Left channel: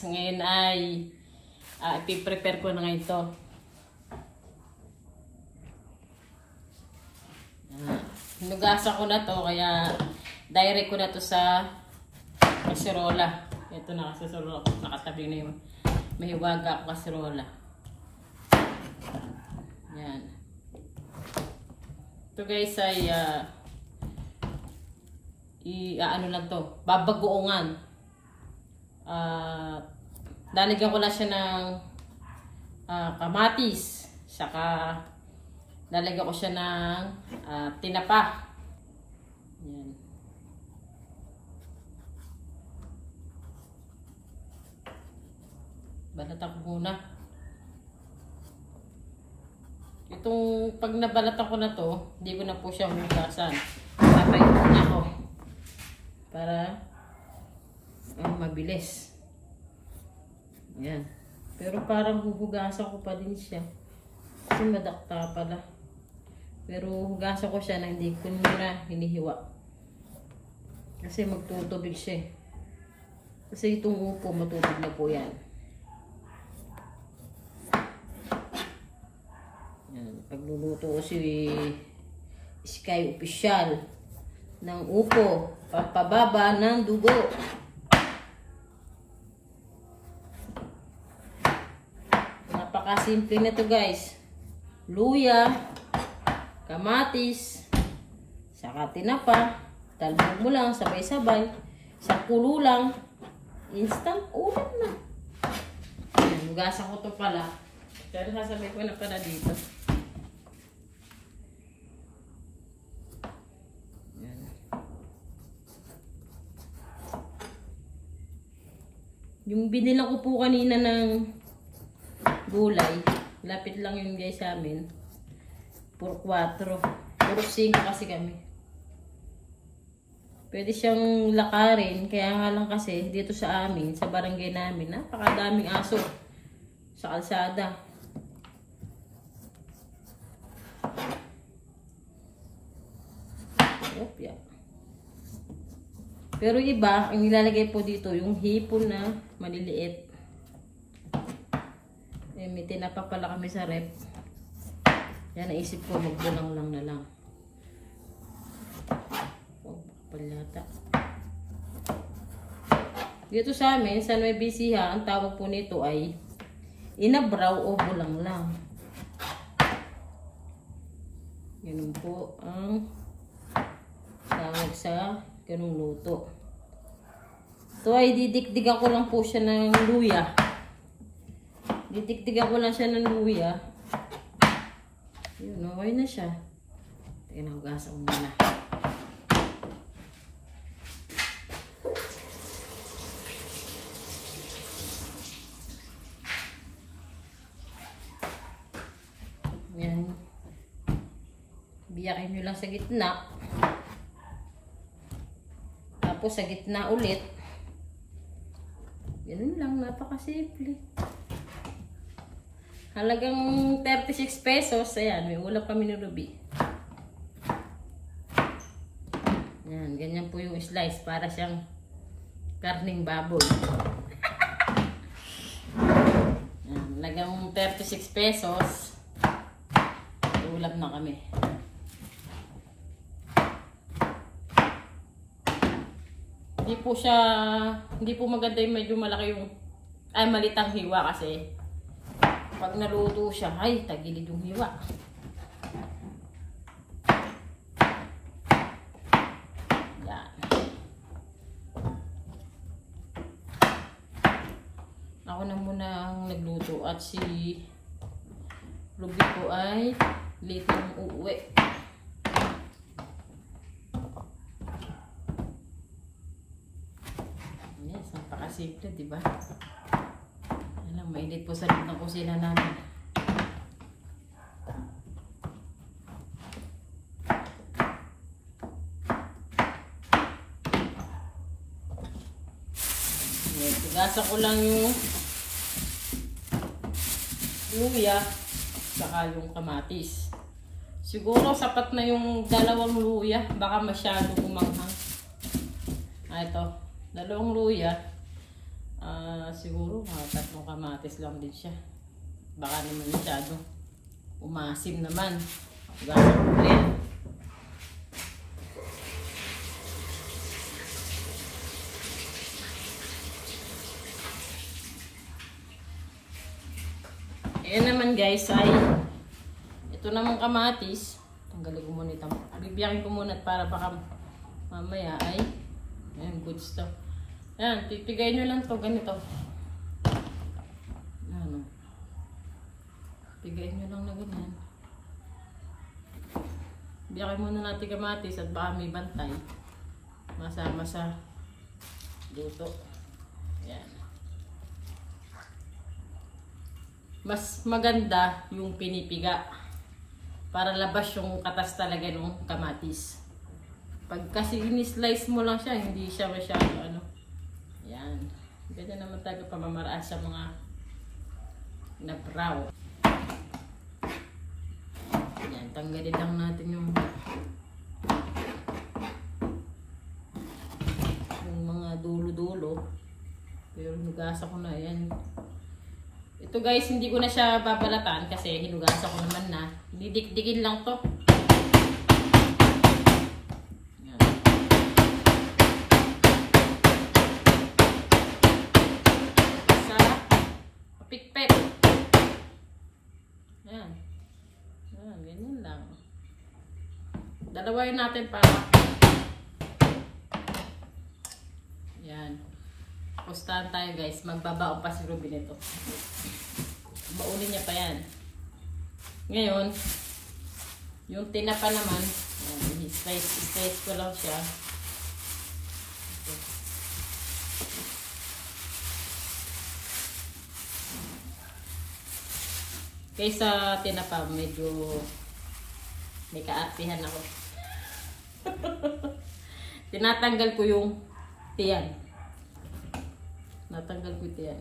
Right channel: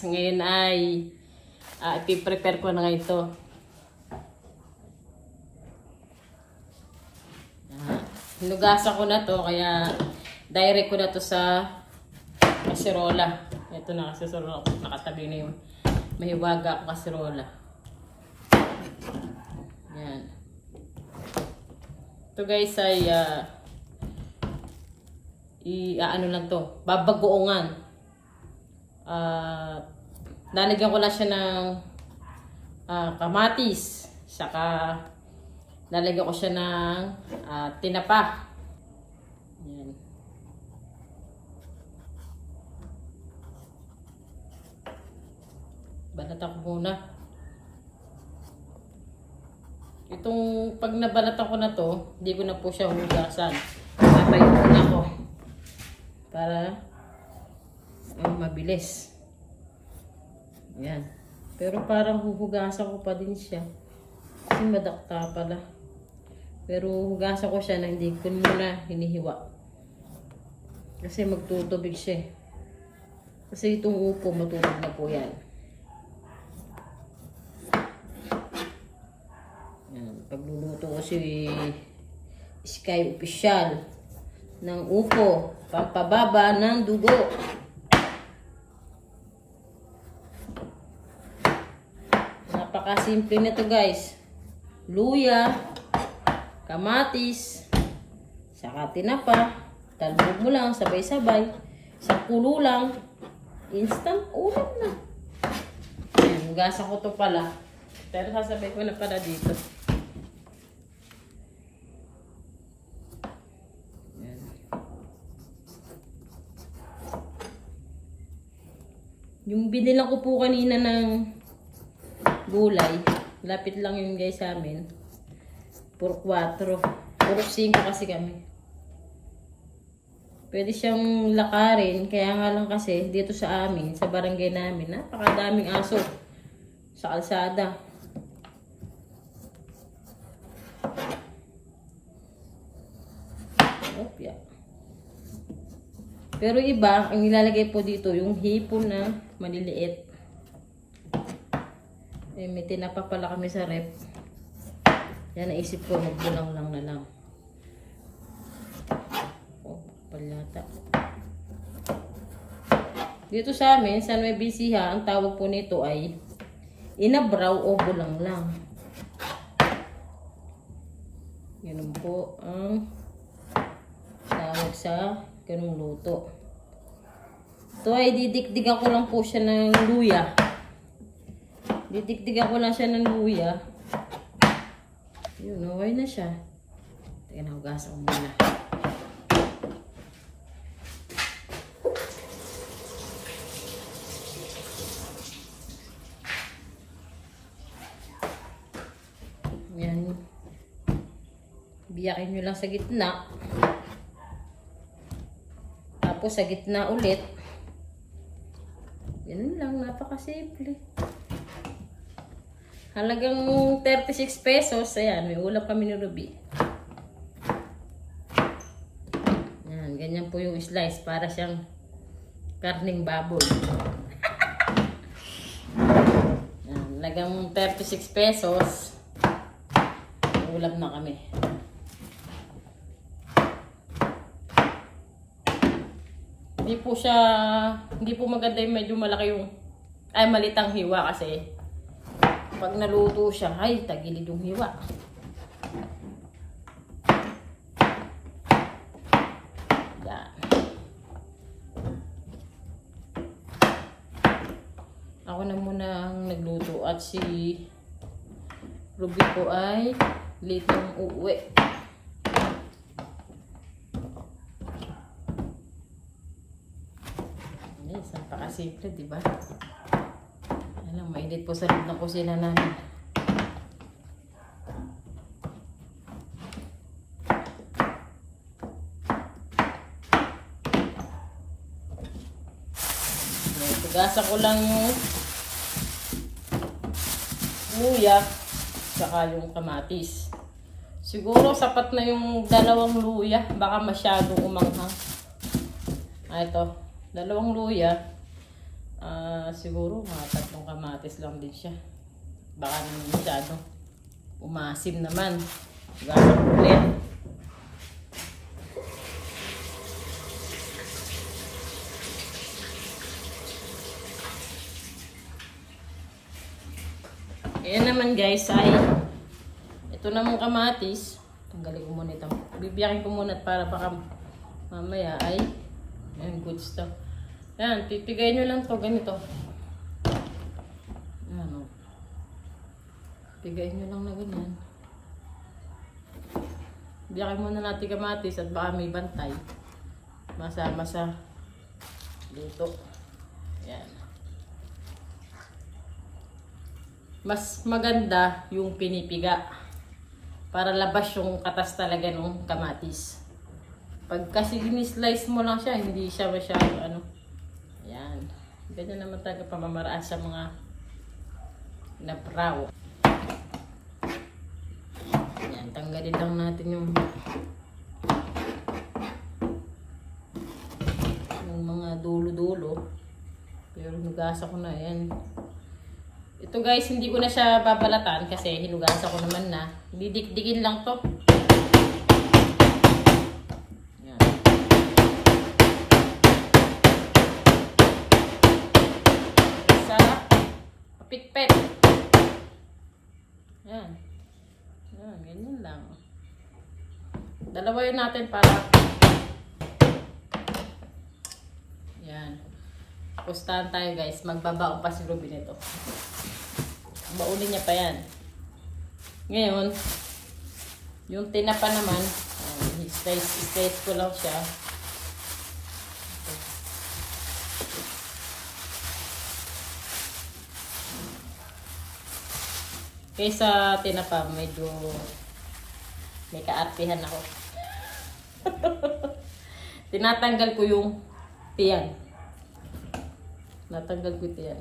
Ngayon ay ipiprepare ko na ngayon ito. Hinugasan ko na to kaya direct ko na to sa kasirola. Ito na kasirola. Nakatabi na yung mahiwaga ko kasirola. Yan. Ito guys ay ano lang to, babagoongan. Lalagyan ko lang siya ng kamatis, saka lalagyan ko siya ng tinapa. Yan. Balatan ko muna. Itong pag nabalatan ko na to, hindi ko na po siya hugasan. Tatayo muna ko para mabilis. Yan. Pero parang huhugasan ko pa din siya. Kasi madakta pala. Pero hugasan ko siya na hindi ko muna hinihiwa. Kasi magtutubig siya. Kasi itong upo matutubig na po yan. Yan. Pagluluto ko si Sky Official ng upo. Pampababa ng dugo. Napakasimple na to guys. Luya, kamatis, saka tinapa. Talbog mo lang, sabay-sabay. Isang kulo lang. Instant ulam na. Ayan, hugasan ko to pala. Pero sasabay ko na pala dito. Ayan. Yung binilang ko po kanina ng gulay, lapit lang yun guys sa amin. Puro 4. Puro 5 kasi kami. Pwede siyang lakarin. Kaya nga lang kasi dito sa amin, sa barangay namin, napakadaming aso sa kalsada. Opya. Pero iba, ang nilalagay po dito, yung hipon na maliliit. Eh, may tinapa pala kami sa rep. Yan, naisip ko, magbulang lang na lang. Oh, palyata. Dito sa amin, sa Nueva Ecija, ang tawag po nito ay inabraw o bulang lang. Ganun po ang tawag sa ganung luto. Ito ay didikdigan ko lang po siya ng luya. Didikdigan ko lang siya ng luya. Yun, okay na siya. Teka na, hugasan ko muna. Yan. Biyakin nyo lang sa gitna. Tapos sa gitna ulit. Ganun lang, napakasimple. Halagang 36 pesos. Ayan, may ulam kami ni Ruby. Ayan, ganyan po yung slice. Para siyang karning baboy. Ayan, halagang 36 pesos. May ulam na kami. Hindi po maganda yung medyo malaki yung, malitang hiwa kasi pag naluto siya, ay, tagilid yung hiwa. Yan. Ako na muna ang nagluto at si Ruby po ay late nang uuwi. Yes, napakasimple, diba? Alam, mainit po sa loob ng kusina namin. Gasa ko lang yung luya saka yung kamatis. Siguro sapat na yung 2 luya, baka masyadong umanghang. Ito, 2 luya. Siguro mga 3 kamatis lang din siya. Baka naman masyado umasim naman. Hugasan ko ulit. Ayan naman guys ay ito namang kamatis. Tanggalin ko muna ito. Bibiyakin ko muna para baka mamaya ay ayan, goods to. Ayan, titigayin nyo lang to ganito. Ayan o. Tigayin nyo lang na ganyan. Biyakin muna natin kamatis at baka may bantay. Masama sa luto. Ayan. Mas maganda yung pinipiga para labas yung katas talaga ng kamatis. Pag kasi ini-slice mo lang siya, hindi siya masyado ano. Ayan. Ganyan naman talaga pamamaraan sa mga nabraw. Ayan, tanggalin lang natin yung mga dulo-dulo. Pero hinugasan ko na yan. Ito guys, hindi ko na siya babalatan kasi hinugasan ko naman na. Didikdikin lang to. Ayan. Sa pikpet. Ayan. Ayan, ganyan lang. Dalawain natin para ayan. Pustahan tayo guys. Magbabaon pa si Ruby nito. Baunin niya pa yan. Ngayon, yung tinapa naman, slice ko lang siya. Kaysa tinapa, medyo may kaartihan ako. Tinatanggal ko yung tiyan. Natanggal ko yung tiyan.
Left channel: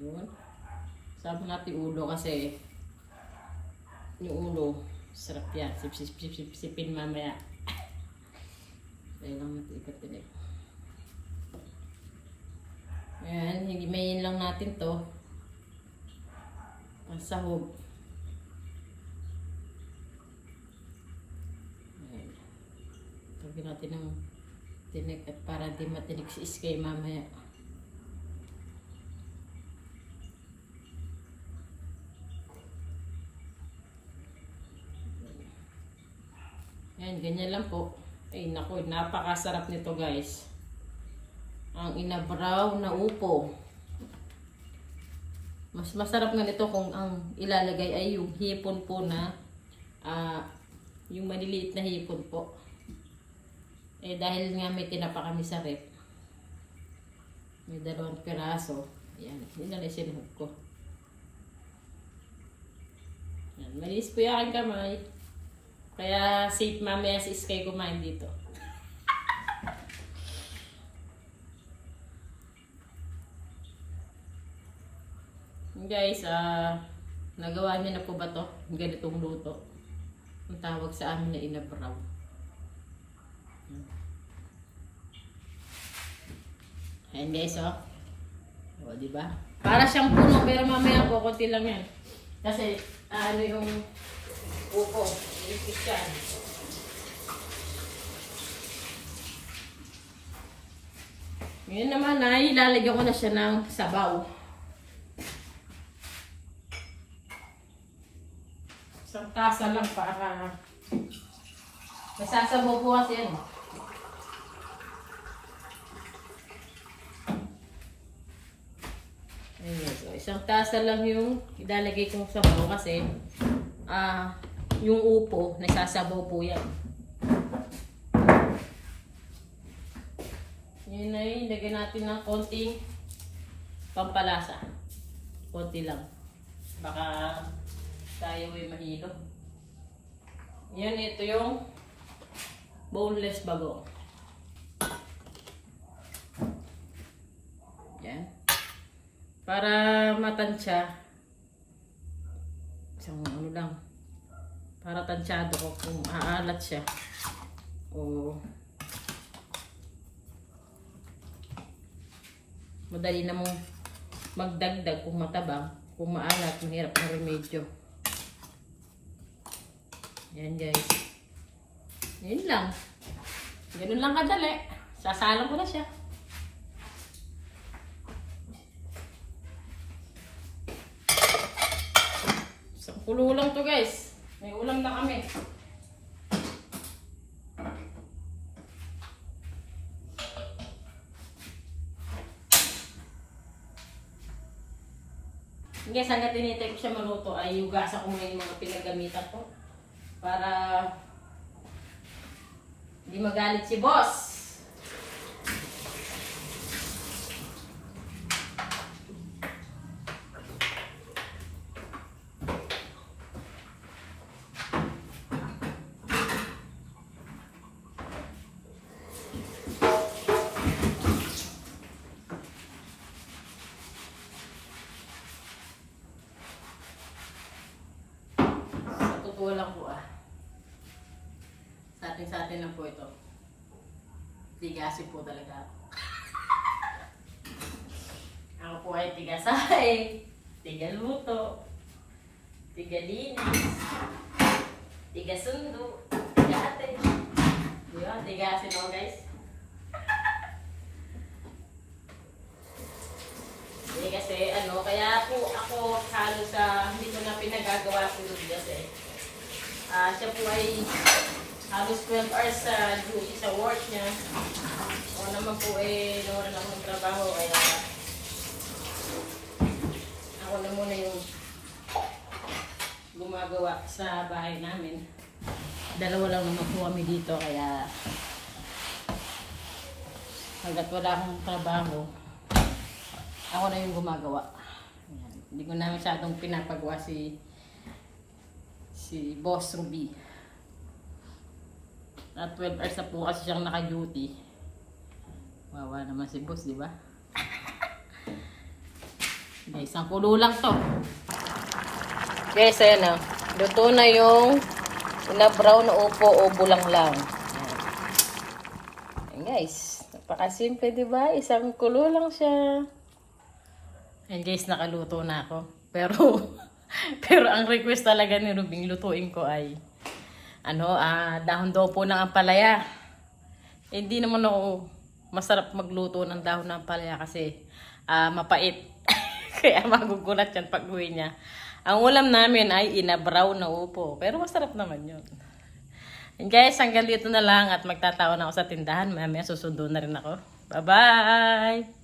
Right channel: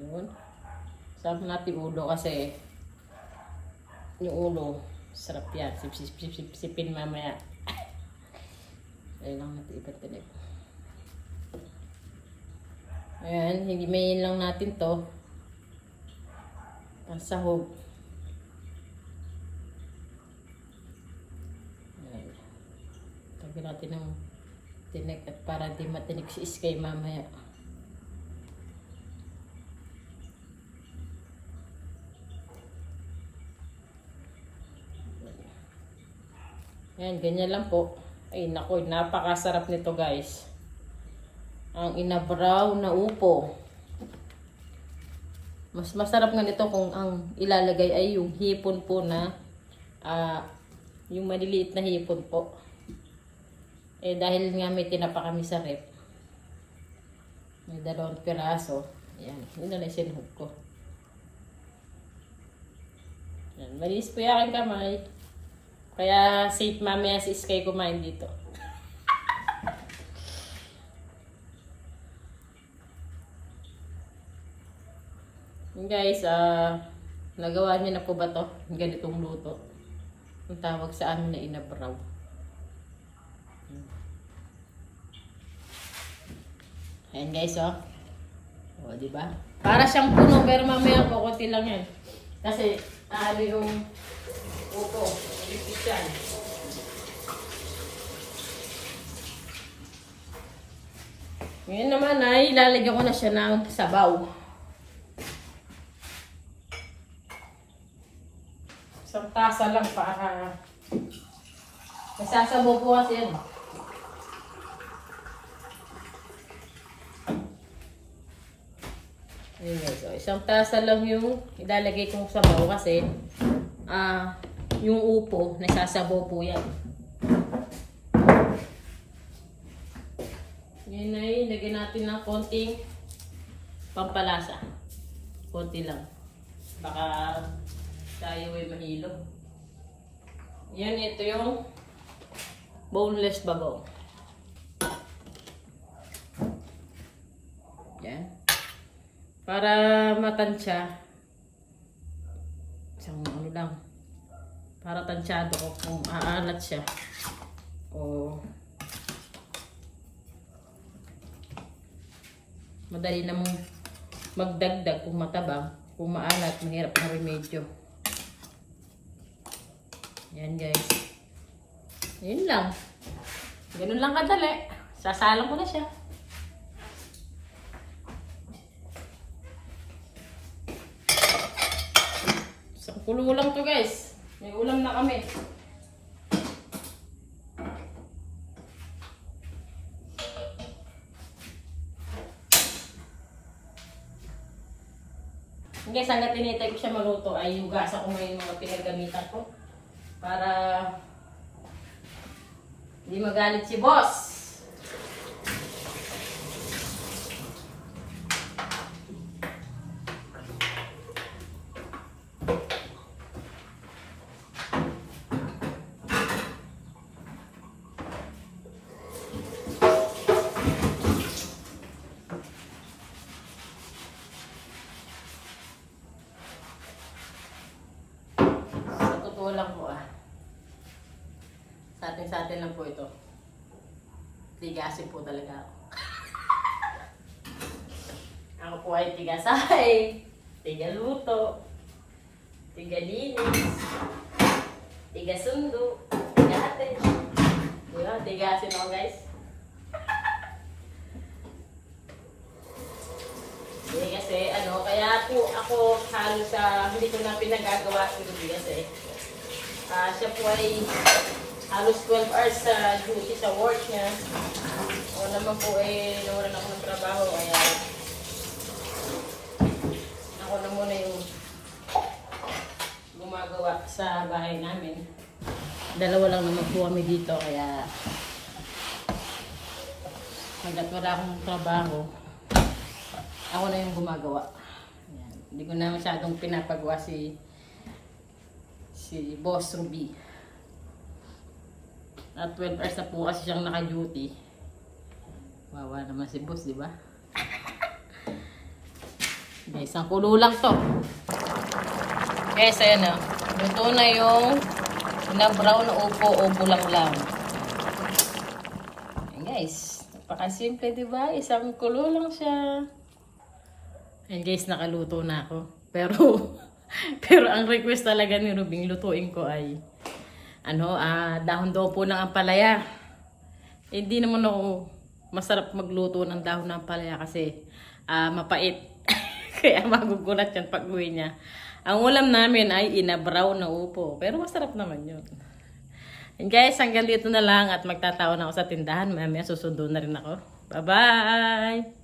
Yun. Sabi natin ulo kasi yung ulo sarap yan. Sipin mamaya. Ayun lang natin ipatinig. Ayan, higimayin lang natin to. Ang sahog. Ayan. Tagyan natin ng tinig at para di matinig si Iskay mamaya. Ayan, ganyan lang po. Ay, naku, napakasarap nito guys. Ang inabraw na upo. Mas masarap nga nito kung ang ilalagay ay yung hipon po na yung maliliit na hipon po. Eh, dahil nga may tinapa kami sa rep. May 2 piraso. Ayan, yun na lang sinuhog ko. Ayan, malinis po yung aking kamay. Kaya safe mamaya si Iskay kumain dito. Guys, nagawa niyo na po ba to? Ganitong luto. Ang tawag sa amin na inabraw. Ayan guys, oh. O, diba? Para siyang puno, pero mamaya po, konti lang yan. Kasi, ano yung upo. Ipit yan. Ngayon naman ay ilalagyan ko na siya ng sabaw. Isang tasa lang para nasasabaw po kasi yan. Ayan, so, isang tasa lang yung ilalagay kong sabaw kasi yung upo, nasasabaw po yan. Ngayon ay lagyan natin ng konting pampalasa. Konti lang. Baka tayo ay mahilo. Yan, ito yung boneless bagoong. Yan. Para matansya, lang. Para tansyado ko kung aalat siya. O madali na mong magdagdag kung matabang. Kung maalat, mahirap na remedyo. Ayan guys. Ayun lang. Ganun lang kadali. Sasalang ko na siya. Sa kulo lang to guys. May ulam na kami. Guys, hanggang tinitay ko siya maluto ay hugasan ko ngayon mga pinagamitan ko. Para hindi magalit si boss. Lang po sa atin lang po ito. Tigasin po talaga ako. Ako po ay tigasay, tigaluto, tigalinis, tigasundo, tigate. Diba? Tigasin ako guys. Kasi kaya po ako halos hindi ko na pinagagawa si Ruby kasi siya po ay halos 12 hours sa duty sa work niya. Ako naman po nawalan ako ng trabaho kaya ako na muna yung gumagawa sa bahay namin. Dalawa lang naman po kami dito kaya hanggat wala akong trabaho ako na yung gumagawa. Ayan. Hindi ko na masyadong pinapagawa si Boss Ruby. At 12 hours na po kasi siyang naka-duty. Wawa naman si boss, di ba? Guys, ang kulo lang to. Guys, ayan na. Luto na yung na-brown na upo lang. Ayan guys. Napakasimple, di ba? Isang kulo lang siya. Ayan guys, nakaluto na ako. Pero ang request talaga ni Rubing lutuin ko ay dahon daw po ng ampalaya. Hindi naman ako masarap magluto ng dahon ng ampalaya kasi mapait. Kaya magugulat yan pag uwi niya. Ang ulam namin ay inabraw na upo. Pero masarap naman yun. And guys, hanggang dito na lang at magtatawa na ako sa tindahan. Mamaya susundo na rin ako. Bye-bye!